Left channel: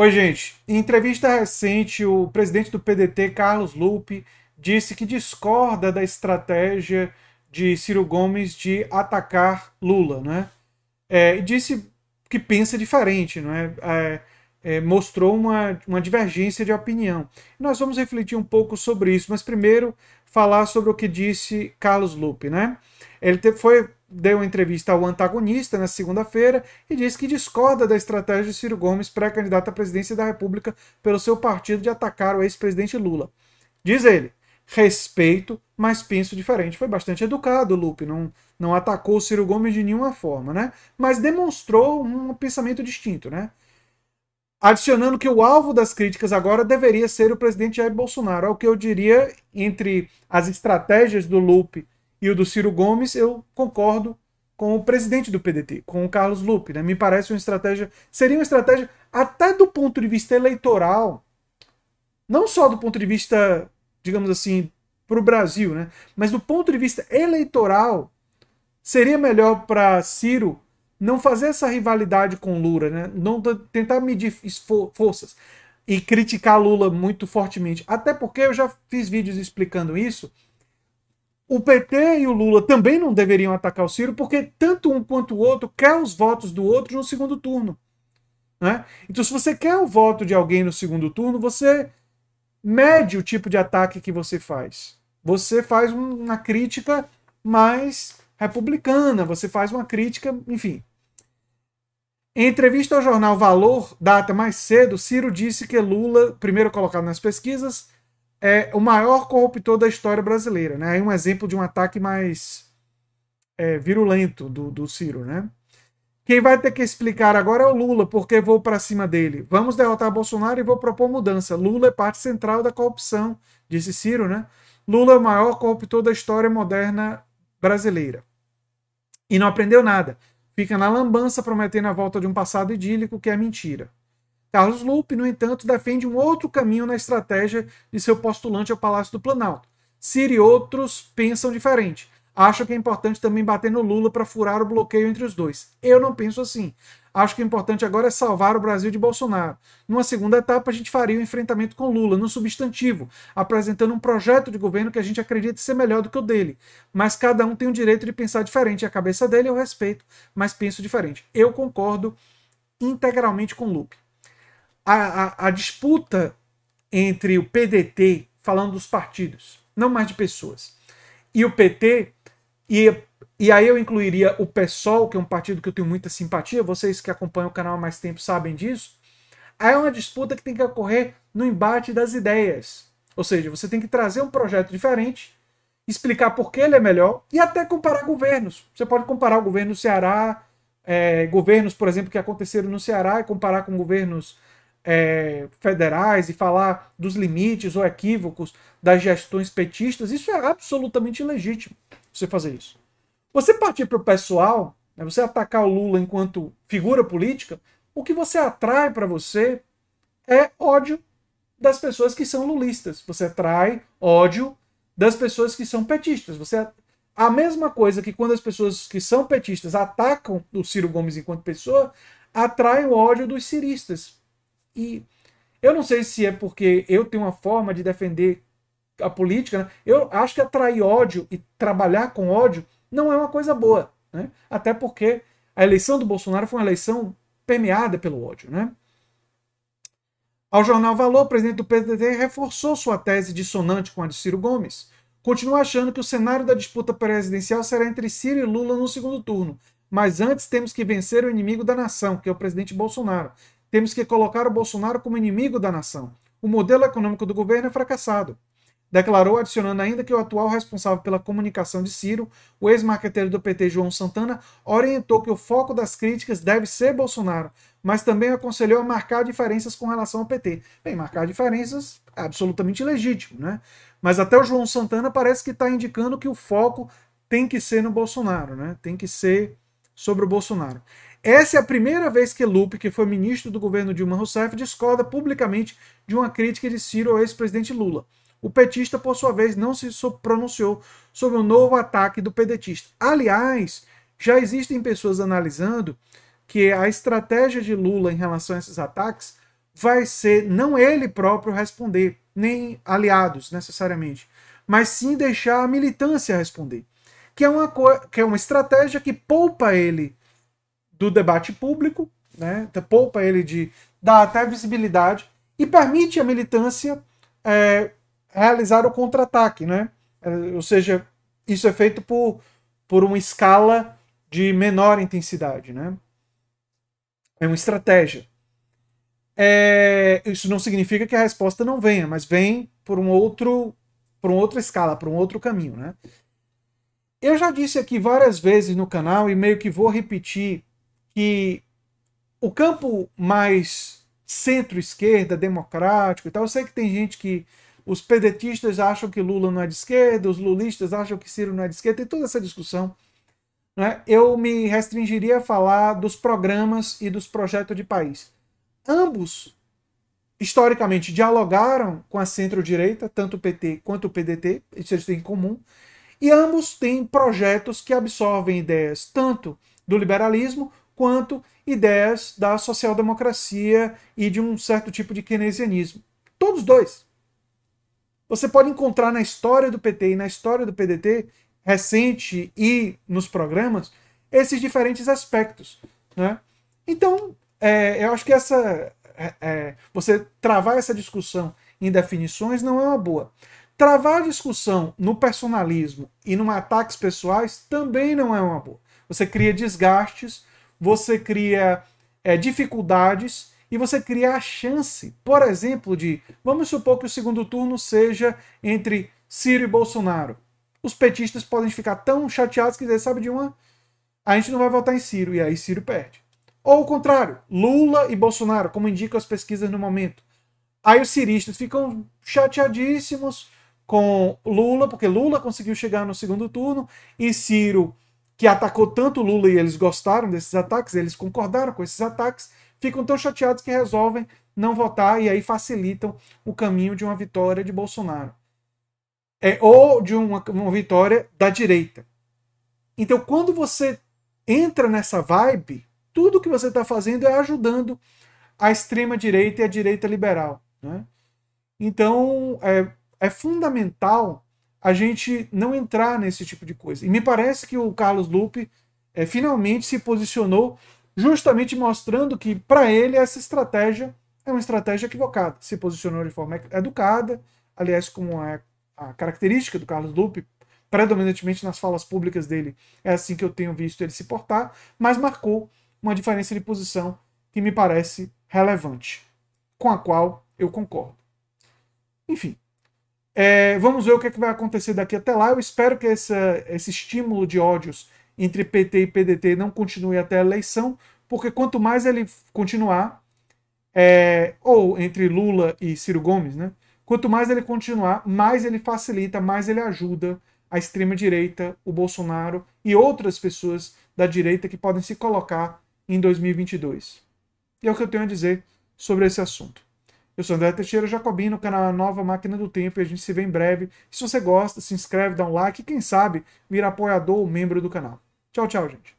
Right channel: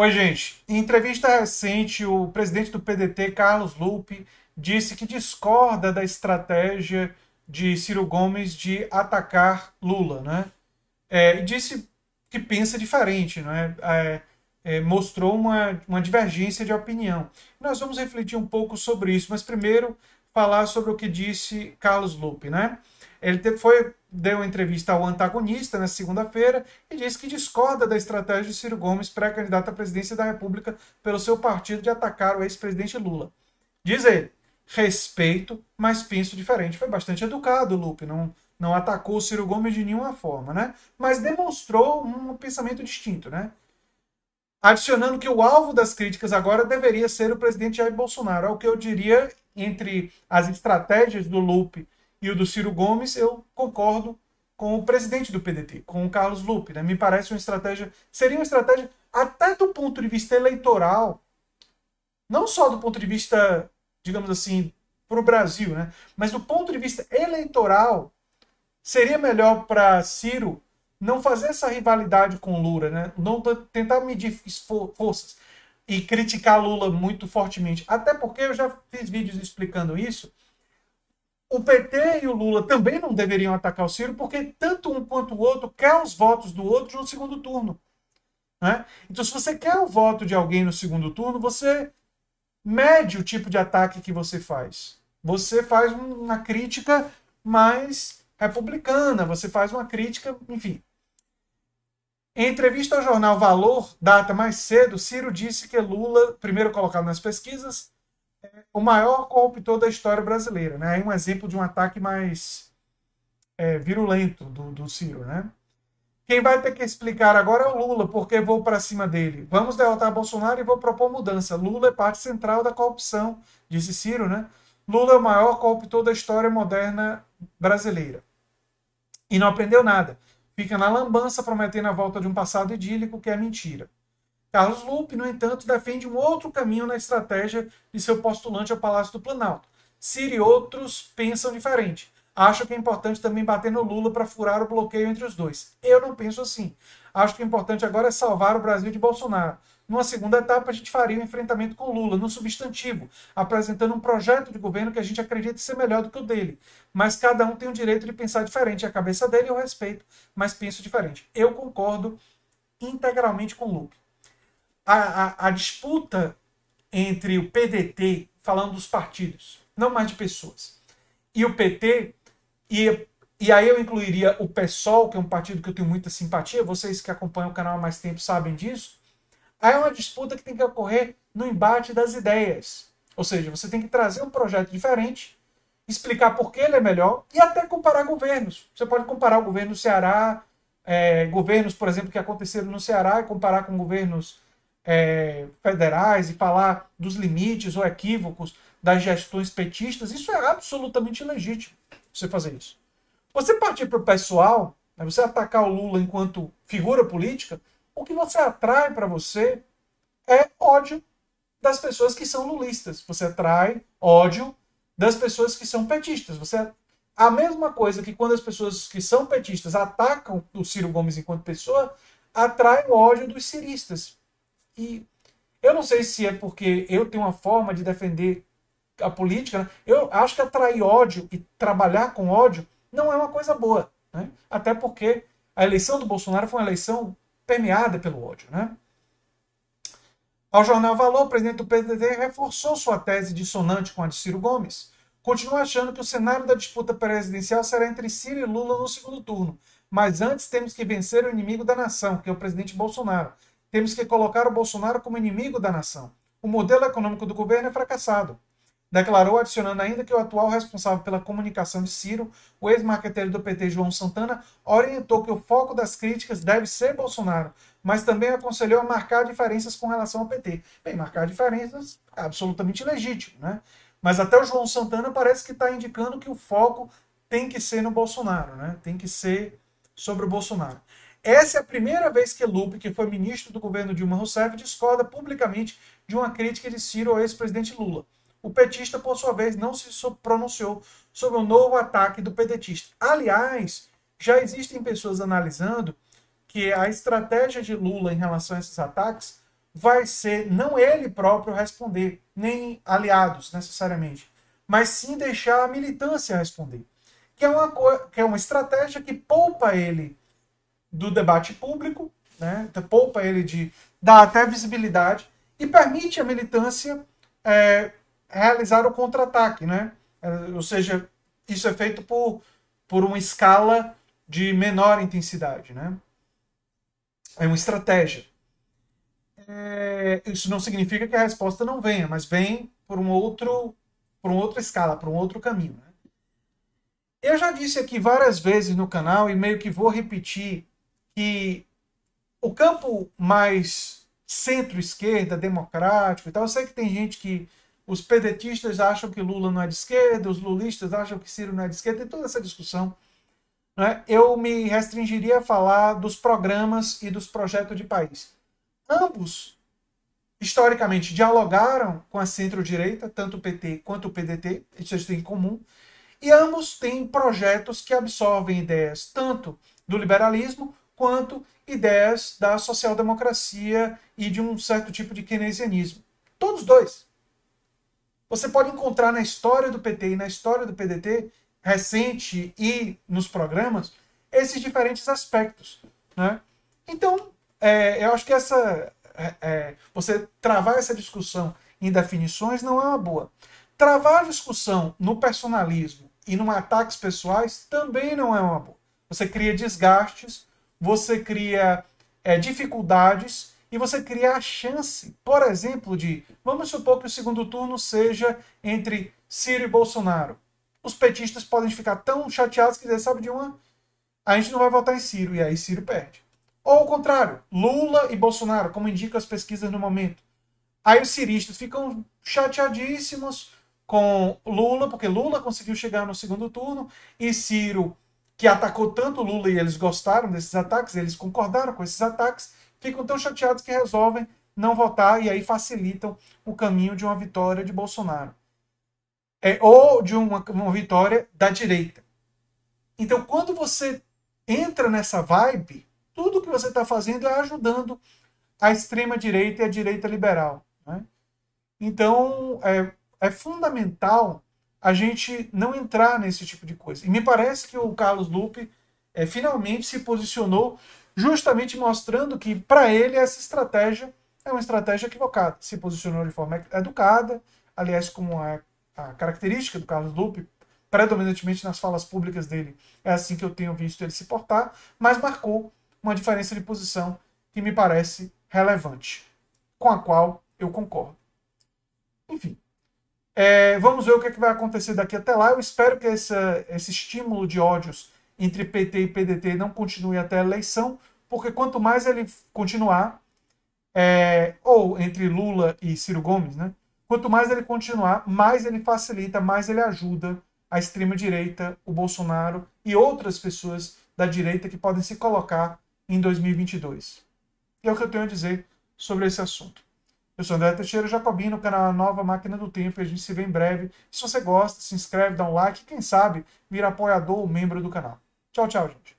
Oi, gente. Em entrevista recente, o presidente do PDT, Carlos Lupe, disse que discorda da estratégia de Ciro Gomes de atacar Lula, né? E disse que pensa diferente, não é? Mostrou uma divergência de opinião. Nós vamos refletir um pouco sobre isso, mas primeiro falar sobre o que disse Carlos Lupe, né? Deu uma entrevista ao Antagonista na segunda-feira e disse que discorda da estratégia de Ciro Gomes, pré-candidato à presidência da República pelo seu partido, de atacar o ex-presidente Lula. Diz ele: respeito, mas penso diferente. Foi bastante educado, Lupe, não atacou o Ciro Gomes de nenhuma forma, né? Mas demonstrou um pensamento distinto, né? Adicionando que o alvo das críticas agora deveria ser o presidente Jair Bolsonaro. É o que eu diria entre as estratégias do Lupe e o do Ciro Gomes, eu concordo com o presidente do PDT, com o Carlos Lupe. Né? Me parece seria uma estratégia até do ponto de vista eleitoral, não só do ponto de vista, digamos assim, para o Brasil, né? Mas do ponto de vista eleitoral, seria melhor para Ciro não fazer essa rivalidade com Lula, né? Não tentar medir forças e criticar Lula muito fortemente. Até porque eu já fiz vídeos explicando isso. O PT e o Lula também não deveriam atacar o Ciro, porque tanto um quanto o outro quer os votos do outro no segundo turno. Né? Então, se você quer o voto de alguém no segundo turno, você mede o tipo de ataque que você faz. Você faz uma crítica mais republicana, você faz uma crítica, enfim. Em entrevista ao jornal Valor, data mais cedo, Ciro disse que Lula, primeiro colocado nas pesquisas, é o maior corruptor da história brasileira. Né? É um exemplo de um ataque mais virulento do Ciro. Né? Quem vai ter que explicar agora é o Lula, porque vou para cima dele. Vamos derrotar Bolsonaro e vou propor mudança. Lula é parte central da corrupção, disse Ciro. Né? Lula é o maior corruptor da história moderna brasileira. E não aprendeu nada. Fica na lambança prometendo a volta de um passado idílico que é mentira. Carlos Lupe, no entanto, defende um outro caminho na estratégia de seu postulante ao Palácio do Planalto. Ciro e outros pensam diferente. Acham que é importante também bater no Lula para furar o bloqueio entre os dois. Eu não penso assim. Acho que o importante agora é salvar o Brasil de Bolsonaro. Numa segunda etapa, a gente faria um enfrentamento com Lula, no substantivo, apresentando um projeto de governo que a gente acredita ser melhor do que o dele. Mas cada um tem o direito de pensar diferente. A cabeça dele eu respeito, mas penso diferente. Eu concordo integralmente com o Lupe. A disputa entre o PDT, falando dos partidos, não mais de pessoas, e o PT, e aí eu incluiria o PSOL, que é um partido que eu tenho muita simpatia, vocês que acompanham o canal há mais tempo sabem disso. Aí é uma disputa que tem que ocorrer no embate das ideias. Ou seja, você tem que trazer um projeto diferente, explicar por que ele é melhor e até comparar governos. Você pode comparar o governo do Ceará, governos, por exemplo, que aconteceram no Ceará, e comparar com governos federais e falar dos limites ou equívocos das gestões petistas. Isso é absolutamente legítimo, você fazer isso. Você partir para o pessoal, né, você atacar o Lula enquanto figura política, o que você atrai para você é ódio das pessoas que são lulistas. Você atrai ódio das pessoas que são petistas. A mesma coisa que quando as pessoas que são petistas atacam o Ciro Gomes enquanto pessoa, atraem o ódio dos ciristas. E eu não sei se é porque eu tenho uma forma de defender a política, né? Eu acho que atrair ódio e trabalhar com ódio não é uma coisa boa. Né? Até porque a eleição do Bolsonaro foi uma eleição permeada pelo ódio. Né? Ao jornal Valor, o presidente do PDT reforçou sua tese dissonante com a de Ciro Gomes. Continua achando que o cenário da disputa presidencial será entre Ciro e Lula no segundo turno. Mas antes temos que vencer o inimigo da nação, que é o presidente Bolsonaro. Temos que colocar o Bolsonaro como inimigo da nação. O modelo econômico do governo é fracassado. Declarou, adicionando ainda que o atual responsável pela comunicação de Ciro, o ex-marqueteiro do PT, João Santana, orientou que o foco das críticas deve ser Bolsonaro, mas também aconselhou a marcar diferenças com relação ao PT. Bem, marcar diferenças é absolutamente legítimo, né? Mas até o João Santana parece que está indicando que o foco tem que ser no Bolsonaro, né? Tem que ser sobre o Bolsonaro. Essa é a primeira vez que Lupe, que foi ministro do governo Dilma Rousseff, discorda publicamente de uma crítica de Ciro ao ex-presidente Lula. O petista, por sua vez, não se pronunciou sobre o novo ataque do pedetista. Aliás, já existem pessoas analisando que a estratégia de Lula em relação a esses ataques vai ser não ele próprio responder, nem aliados necessariamente, mas sim deixar a militância responder, que é uma estratégia que poupa ele do debate público, né? Poupa ele de dar até visibilidade e permite a militância realizar o contra-ataque, né? Ou seja, isso é feito por uma escala de menor intensidade, né? É uma estratégia. Isso não significa que a resposta não venha, mas vem por por uma outra escala, por um outro caminho, né? Eu já disse aqui várias vezes no canal e meio que vou repetir que o campo mais centro-esquerda, democrático e tal, eu sei que tem gente que os pedetistas acham que Lula não é de esquerda, os lulistas acham que Ciro não é de esquerda, tem toda essa discussão. Né? Eu me restringiria a falar dos programas e dos projetos de país. Ambos, historicamente, dialogaram com a centro-direita, tanto o PT quanto o PDT, isso eles têm em comum, e ambos têm projetos que absorvem ideias tanto do liberalismo quanto ideias da social-democracia e de um certo tipo de keynesianismo. Todos dois. Você pode encontrar na história do PT e na história do PDT, recente e nos programas, esses diferentes aspectos. Né? Então, eu acho que você travar essa discussão em definições não é uma boa. Travar a discussão no personalismo e em ataques pessoais também não é uma boa. Você cria desgastes, você cria dificuldades e você cria a chance, por exemplo, vamos supor que o segundo turno seja entre Ciro e Bolsonaro. Os petistas podem ficar tão chateados que dizer, sabe de uma? A gente não vai votar em Ciro, e aí Ciro perde. Ou o contrário, Lula e Bolsonaro, como indicam as pesquisas no momento. Aí os ciristas ficam chateadíssimos com Lula, porque Lula conseguiu chegar no segundo turno, e Ciro, que atacou tanto Lula e eles gostaram desses ataques, eles concordaram com esses ataques, ficam tão chateados que resolvem não votar e aí facilitam o caminho de uma vitória de Bolsonaro. Ou de uma vitória da direita. Então, quando você entra nessa vibe, tudo que você está fazendo é ajudando a extrema-direita e a direita liberal. Né? Então, é fundamental a gente não entrar nesse tipo de coisa. E me parece que o Carlos Lupe finalmente se posicionou justamente mostrando que, para ele, essa estratégia é uma estratégia equivocada. Se posicionou de forma educada, aliás, como a característica do Carlos Lupe, predominantemente nas falas públicas dele, é assim que eu tenho visto ele se portar, mas marcou uma diferença de posição que me parece relevante, com a qual eu concordo. Enfim, vamos ver o que vai acontecer daqui até lá. Eu espero que esse estímulo de ódios entre PT e PDT não continue até a eleição, porque quanto mais ele continuar, ou entre Lula e Ciro Gomes, né? Quanto mais ele continuar, mais ele facilita, mais ele ajuda a extrema-direita, o Bolsonaro e outras pessoas da direita que podem se colocar em 2022. E é o que eu tenho a dizer sobre esse assunto. Eu sou André Teixeira Jacobino, no canal Nova Máquina do Tempo, e a gente se vê em breve. Se você gosta, se inscreve, dá um like e quem sabe vira apoiador ou membro do canal. Tchau, tchau, gente.